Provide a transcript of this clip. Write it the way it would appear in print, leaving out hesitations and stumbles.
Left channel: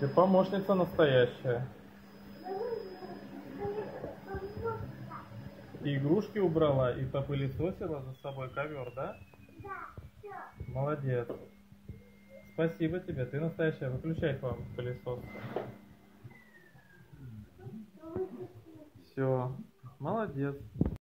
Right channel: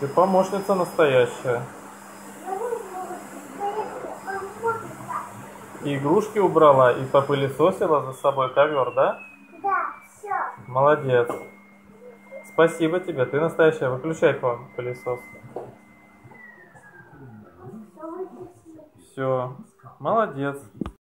Ты помощница настоящая. И игрушки убрала, и попылесосила за собой ковер, да? Да, все. Молодец. Спасибо тебе, ты настоящая. Выключай пылесос. Все, молодец.